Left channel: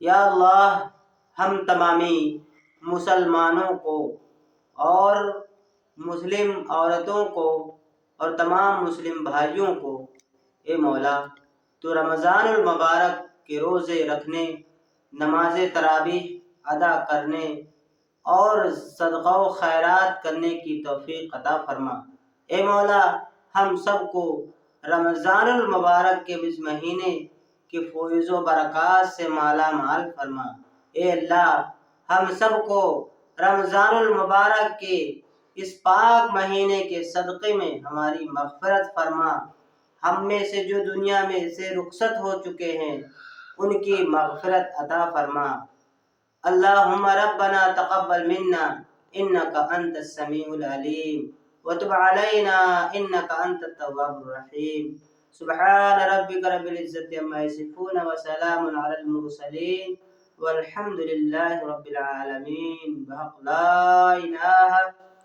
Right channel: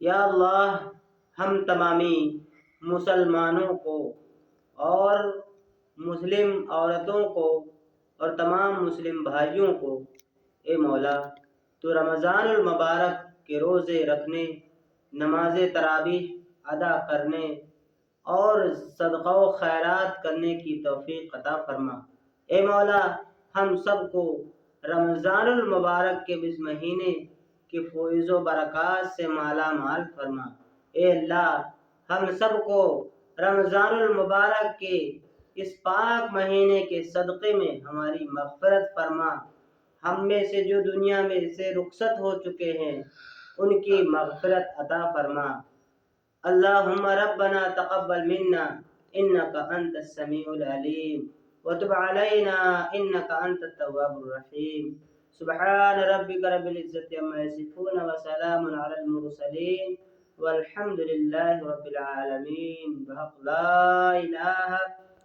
یا اللہ ہم تمامی مسلمانوں کو اور مسلم عورتوں کو اور تمام مسلم بھائیوں کو اے مولا تو رمضان المبارک کے روزے رکھنے، نماز تراویح ادا کرنے اور صدقہ و خیرات کرنے کی توفیق عطا فرما۔ اے مولا ہم سب کو رمضان المبارک کے اس مہینے کے فیض و برکات سے مالا مال فرما۔ اے اللہ ہم سب کو رمضان المبارک کے اس پاک مہینے کے صدقے میں ہماری مغفرت فرما۔ ہم میں سے جو دنیا میں سے رخصت ہو چکے ہیں ان کی مغفرت عطا فرما۔ اللہم ربنا تقبل منا انک انت السمیع العلیم وتب علینا انک انت التواب الرحیم۔ سبحان ربک رب العزت عما یصفون وسلام علی المرسلین والحمد للہ رب العالمین بحق لا الہ